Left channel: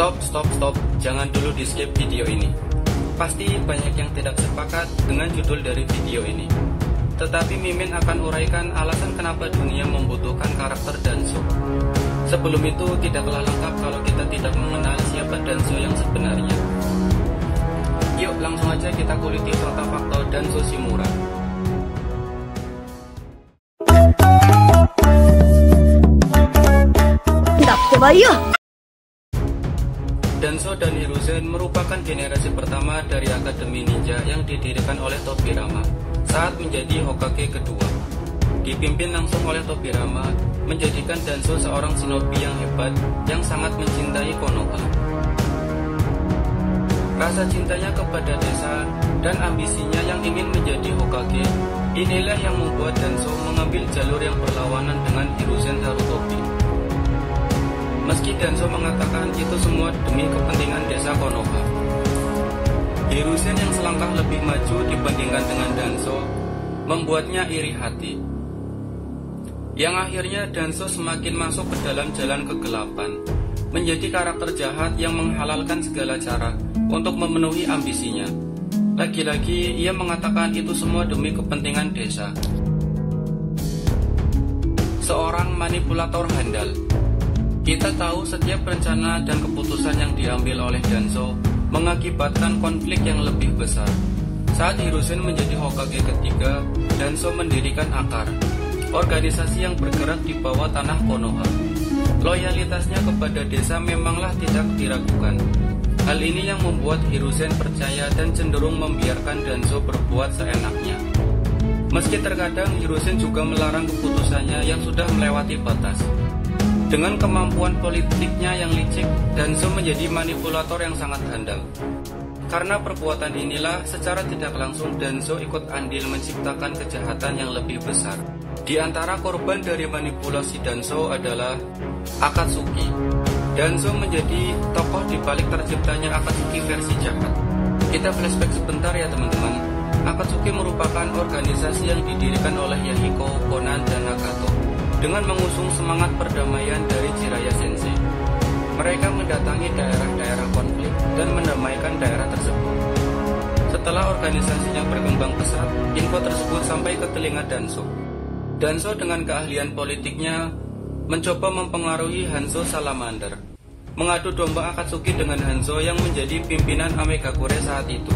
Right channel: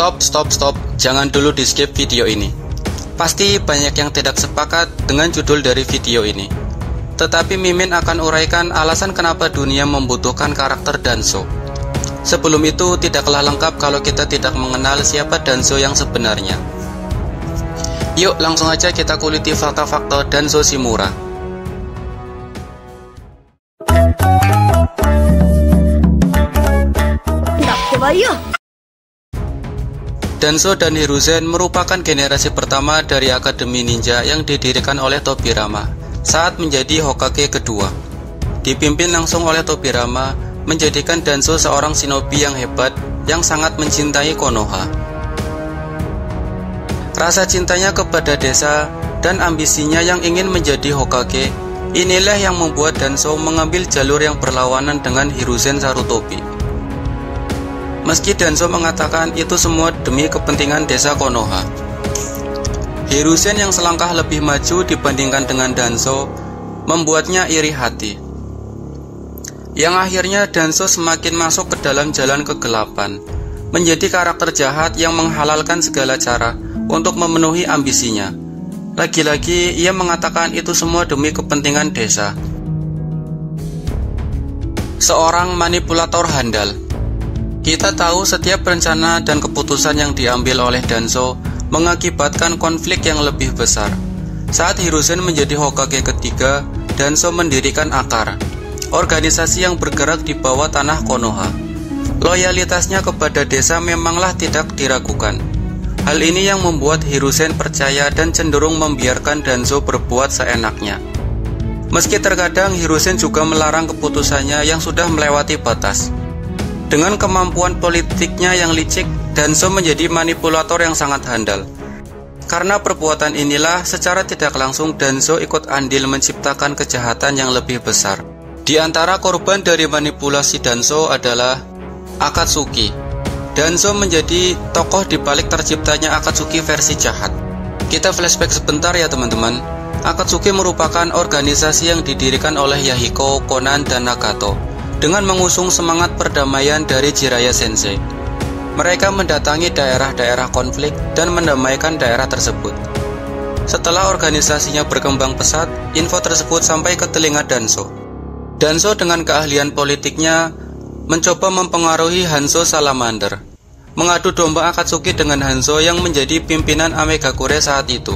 Stop, jangan dulu di skip video ini. Pasti banyak yang tidak sepakat dengan judul dari video ini. Tetapi Mimin akan uraikan alasan kenapa dunia membutuhkan karakter Danzo. Sebelum itu tidaklah lengkap kalau kita tidak mengenal siapa Danzo yang sebenarnya. Yuk langsung aja kita kuliti fakta-fakta Danzo Shimura. Danzo dan Hiruzen merupakan generasi pertama dari Akademi Ninja yang didirikan oleh Tobirama saat menjadi Hokage kedua. Dipimpin langsung oleh Tobirama, menjadikan Danzo seorang shinobi yang hebat yang sangat mencintai Konoha. Rasa cintanya kepada desa dan ambisinya yang ingin menjadi Hokage, inilah yang membuat Danzo mengambil jalur yang berlawanan dengan Hiruzen Sarutobi. Meski Danzo mengatakan itu semua demi kepentingan desa Konoha, Hiruzen yang selangkah lebih maju dibandingkan dengan Danzo membuatnya iri hati. Yang akhirnya Danzo semakin masuk ke dalam jalan kegelapan, menjadi karakter jahat yang menghalalkan segala cara untuk memenuhi ambisinya. Lagi-lagi ia mengatakan itu semua demi kepentingan desa. Seorang manipulator handal. Kita tahu setiap rencana dan keputusan yang diambil oleh Danzo mengakibatkan konflik yang lebih besar. Saat Hiruzen menjadi Hokage ketiga, Danzo mendirikan Akar, organisasi yang bergerak di bawah tanah Konoha. Loyalitasnya kepada desa memanglah tidak diragukan. Hal ini yang membuat Hiruzen percaya dan cenderung membiarkan Danzo berbuat seenaknya. Meski terkadang Hiruzen juga melarang keputusannya yang sudah melewati batas. Dengan kemampuan politiknya yang licik, Danzo menjadi manipulator yang sangat handal. Karena perbuatan inilah, secara tidak langsung Danzo ikut andil menciptakan kejahatan yang lebih besar. Di antara korban dari manipulasi Danzo adalah Akatsuki. Danzo menjadi tokoh di balik terciptanya Akatsuki versi jahat. Kita flashback sebentar ya teman-teman. Akatsuki merupakan organisasi yang didirikan oleh Yahiko, Konan, dan Nagato dengan mengusung semangat perdamaian dari Jiraiya Sensei. Mereka mendatangi daerah-daerah konflik dan mendamaikan daerah tersebut. Setelah organisasinya berkembang pesat, info tersebut sampai ke telinga Danzo. Danzo dengan keahlian politiknya mencoba mempengaruhi Hanzo Salamander, mengadu domba Akatsuki dengan Hanzo yang menjadi pimpinan Amegakure saat itu.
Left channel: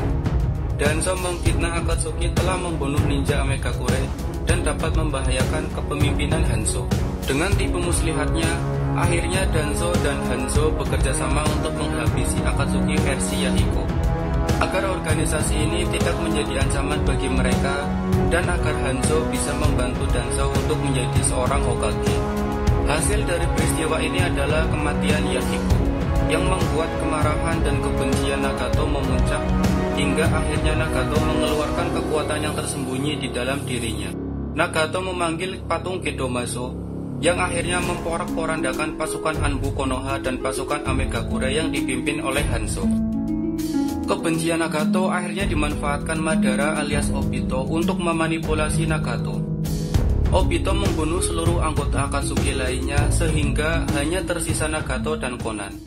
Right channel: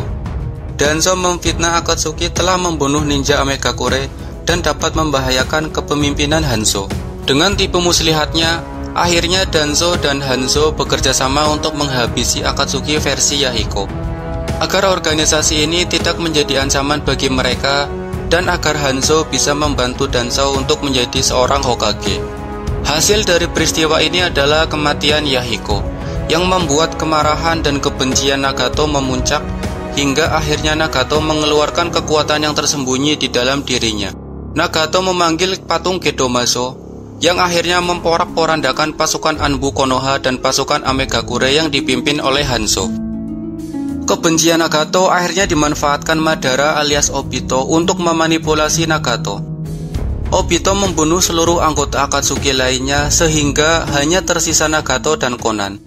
Danzo memfitnah Akatsuki telah membunuh ninja Amegakure dan dapat membahayakan kepemimpinan Hanzo. Dengan tipu muslihatnya, akhirnya Danzo dan Hanzo bekerja sama untuk menghabisi Akatsuki versi Yahiko. Agar organisasi ini tidak menjadi ancaman bagi mereka dan agar Hanzo bisa membantu Danzo untuk menjadi seorang Hokage. Hasil dari peristiwa ini adalah kematian Yahiko, yang membuat kemarahan dan kebencian Nagato memuncak hingga akhirnya Nagato mengeluarkan kekuatan yang tersembunyi di dalam dirinya. Nagato memanggil patung Gedomazo yang akhirnya memporak-porandakan pasukan Anbu Konoha dan pasukan Amegakure yang dipimpin oleh Hanzo. Kebencian Nagato akhirnya dimanfaatkan Madara alias Obito untuk memanipulasi Nagato. Obito membunuh seluruh anggota Akatsuki lainnya sehingga hanya tersisa Nagato dan Konan.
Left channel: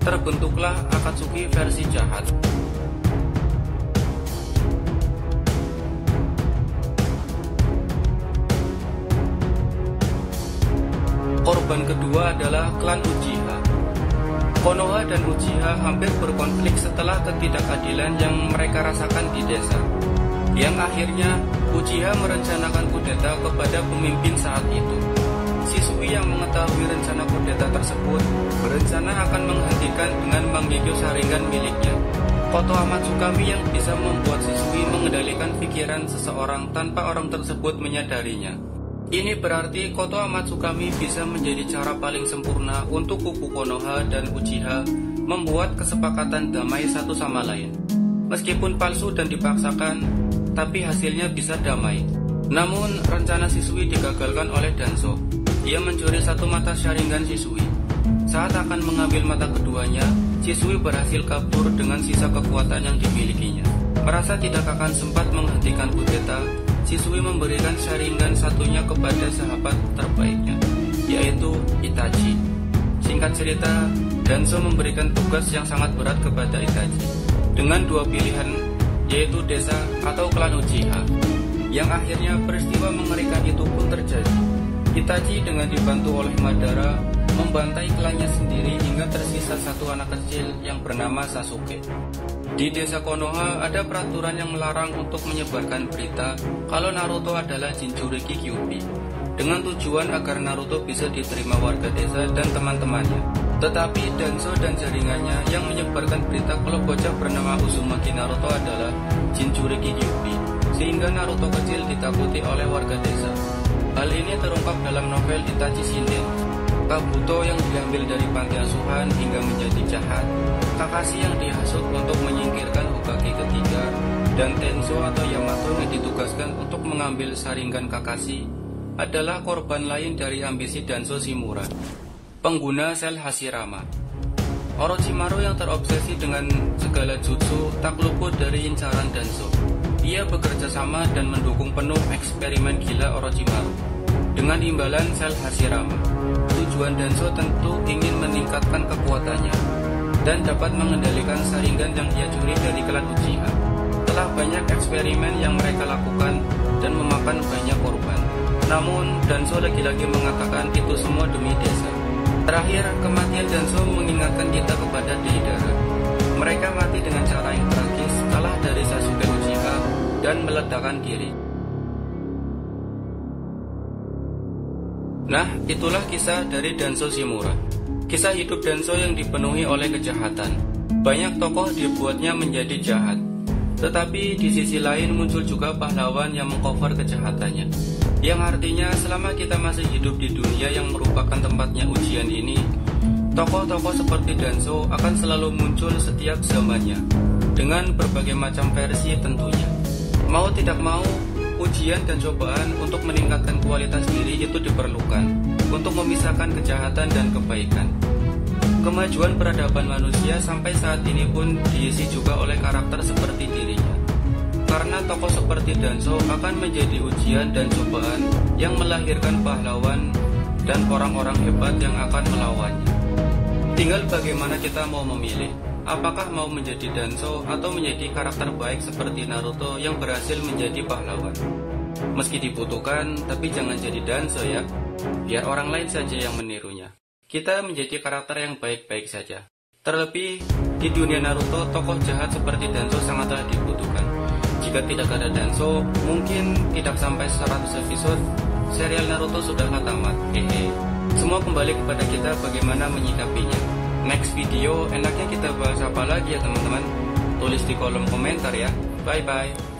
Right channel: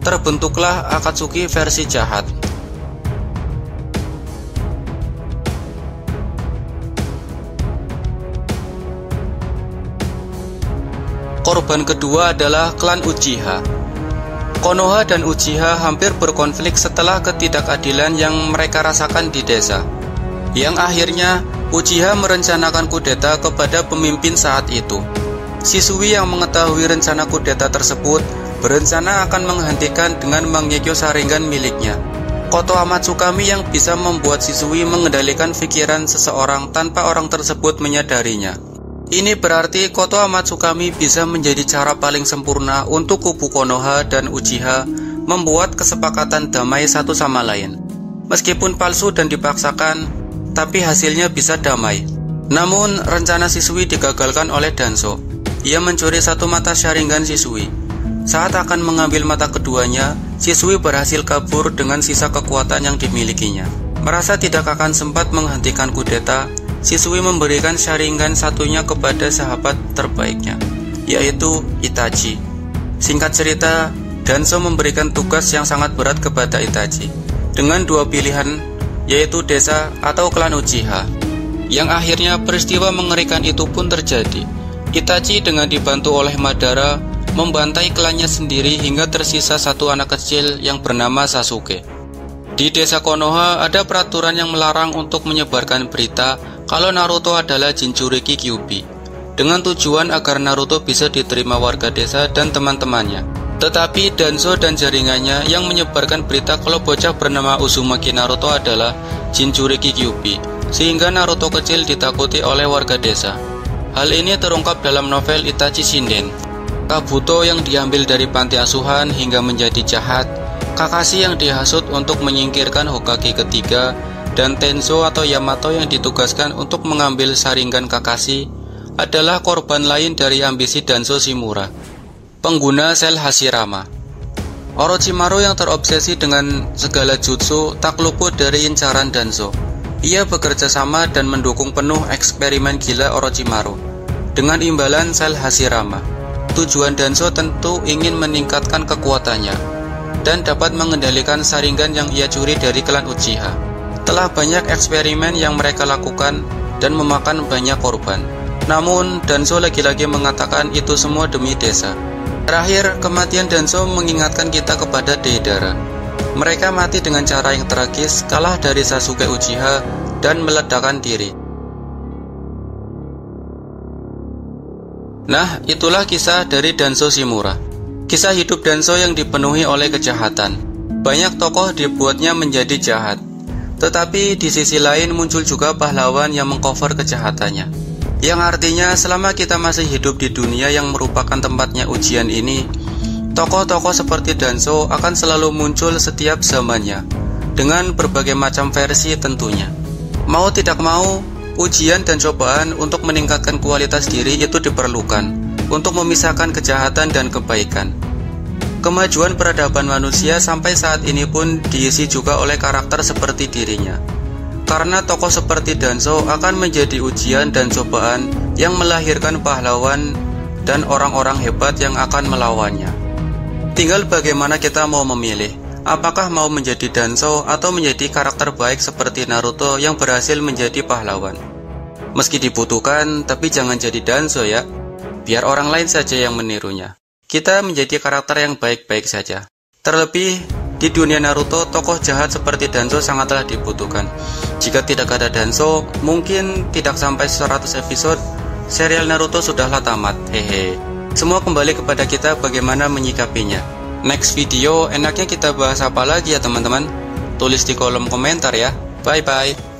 Terbentuklah Akatsuki versi jahat. Korban kedua adalah klan Uchiha. Konoha dan Uchiha hampir berkonflik setelah ketidakadilan yang mereka rasakan di desa. Yang akhirnya Uchiha merencanakan kudeta kepada pemimpin saat itu. Shisui yang mengetahui rencana kudeta tersebut berencana akan menghentikan dengan mengekyo Sharingan miliknya, Kotoha Matsukami, yang bisa membuat Shisui mengendalikan pikiran seseorang tanpa orang tersebut menyadarinya. Ini berarti Kotoha Matsukami bisa menjadi cara paling sempurna untuk kubu Konoha dan Uchiha membuat kesepakatan damai satu sama lain. Meskipun palsu dan dipaksakan, tapi hasilnya bisa damai. Namun rencana Shisui digagalkan oleh Danzo. Ia mencuri satu mata Sharingan Shisui. Saat akan mengambil mata keduanya, Shisui berhasil kabur dengan sisa kekuatan yang dimilikinya. Merasa tidak akan sempat menghentikan kudeta, Shisui memberikan Sharingan satunya kepada sahabat terbaiknya, yaitu Itachi. Singkat cerita, Danzo memberikan tugas yang sangat berat kepada Itachi dengan dua pilihan, yaitu desa atau klan Uchiha. Yang akhirnya peristiwa mengerikan itu pun terjadi. Itachi dengan dibantu oleh Madara membantai klannya sendiri hingga tersisa satu anak kecil yang bernama Sasuke. Di desa Konoha ada peraturan yang melarang untuk menyebarkan berita kalau Naruto adalah Jinchuriki Kyuubi, dengan tujuan agar Naruto bisa diterima warga desa dan teman-temannya. Tetapi Danzo dan jaringannya yang menyebarkan berita kalau bocah bernama Uzumaki Naruto adalah Jinchuriki Kyuubi, sehingga Naruto kecil ditakuti oleh warga desa. Hal ini terungkap dalam novel Itachi Shinden. Kabuto yang diambil dari panti asuhan hingga menjadi jahat, Kakashi yang dihasut untuk menyingkirkan Hokage ketiga, dan Tenzo atau Yamato yang ditugaskan untuk mengambil Sharingan Kakashi adalah korban lain dari ambisi Danzo Shimura, pengguna sel Hashirama. Orochimaru yang terobsesi dengan segala jutsu tak luput dari incaran Danzo. Ia bekerja sama dan mendukung penuh eksperimen gila Orochimaru dengan imbalan sel Hashirama. Tujuan Danzo tentu ingin meningkatkan kekuatannya dan dapat mengendalikan Sharingan yang ia curi dari klan Uchiha. Telah banyak eksperimen yang mereka lakukan dan memakan banyak korban. Namun Danzo lagi-lagi mengatakan itu semua demi desa. Terakhir, kematian Danzo mengingatkan kita kepada Deidara. Mereka mati dengan cara yang tragis, kalah dari Sasuke Uchiha dan meledakkan diri. Nah, itulah kisah dari Danzo Shimura. Kisah hidup Danzo yang dipenuhi oleh kejahatan. Banyak tokoh dibuatnya menjadi jahat, tetapi di sisi lain muncul juga pahlawan yang mengcover kejahatannya. Yang artinya selama kita masih hidup di dunia yang merupakan tempatnya ujian ini, tokoh-tokoh seperti Danzo akan selalu muncul setiap zamannya, dengan berbagai macam versi tentunya. Mau tidak mau, ujian dan cobaan untuk meningkatkan kualitas diri itu diperlukan untuk memisahkan kejahatan dan kebaikan. Kemajuan peradaban manusia sampai saat ini pun diisi juga oleh karakter seperti dirinya. Karena tokoh seperti Danzo akan menjadi ujian dan cobaan yang melahirkan pahlawan dan orang-orang hebat yang akan melawannya. Tinggal bagaimana kita mau memilih, apakah mau menjadi Danzo atau menjadi karakter baik seperti Naruto yang berhasil menjadi pahlawan. Meski dibutuhkan, tapi jangan jadi Danzo ya, biar orang lain saja yang menirunya. Kita menjadi karakter yang baik-baik saja. Terlebih di dunia Naruto, tokoh jahat seperti Danzo sangatlah dibutuhkan. Jika tidak ada Danzo, mungkin tidak sampai 100 episode, serial Naruto sudahlah tamat. Hehe. Semua kembali kepada kita bagaimana menyikapinya. Next video enaknya kita bahas apa lagi ya teman-teman? Tulis di kolom komentar ya. Bye-bye.